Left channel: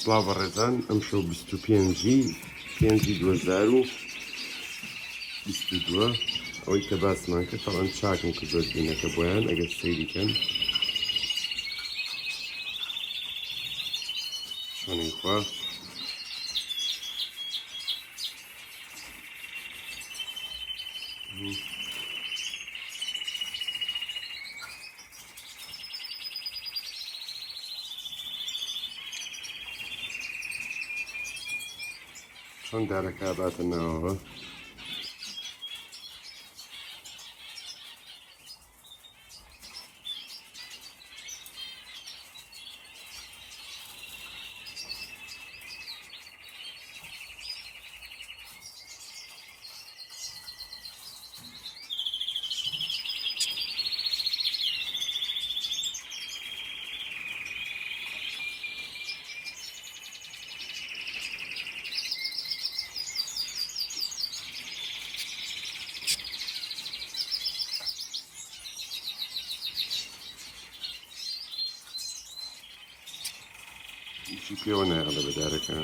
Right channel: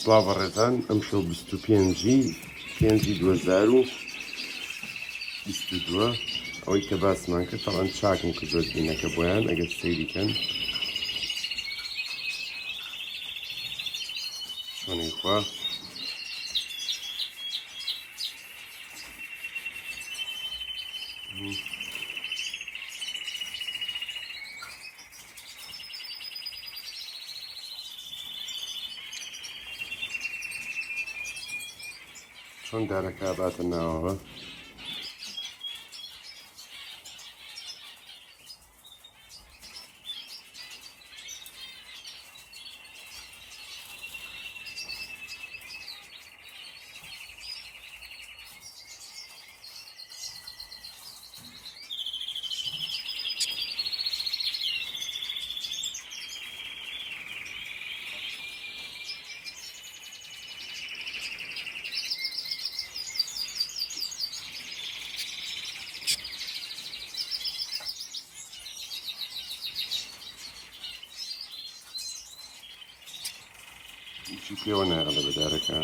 سڵاو ڕێزان، ئەم شەو 25/5/2022 ئەوەی کە باسمان کرد تەڵەن چاکم کە زۆر بینەکە بۆیان ئەگەر سەیریکەن شوێنەی خوا چۆن دارەکە باتە ناوەوە. چی پێوە ناغەڵە بە دارەکە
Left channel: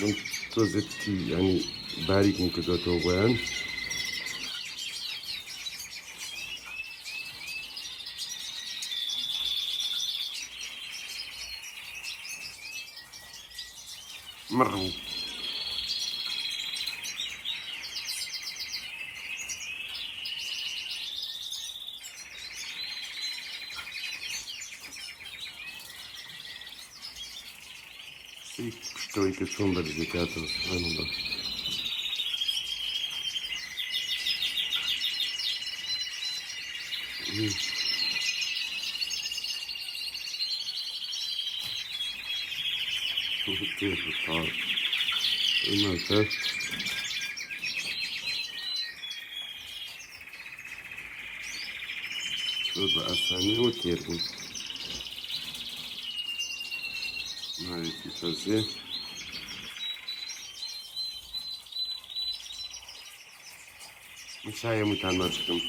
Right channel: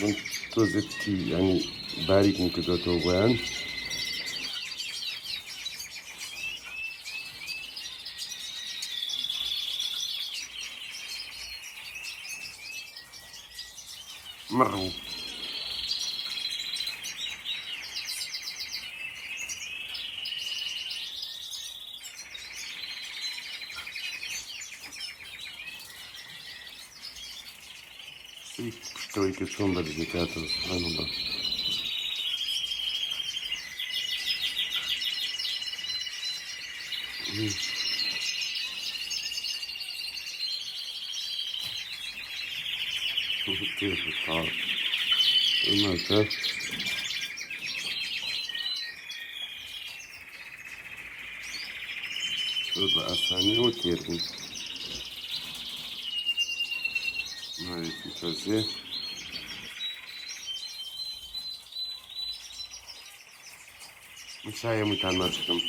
من تۆزێتی ینی باریکم کردوێتەوە بۆیان مڕوو پشتەوەی کە چۆن بەرزەکاتەوە سبحانەڵڵا. كيف الطار الملتف شرب أساني وتيربوز هاي تسوي مشاية متعمركم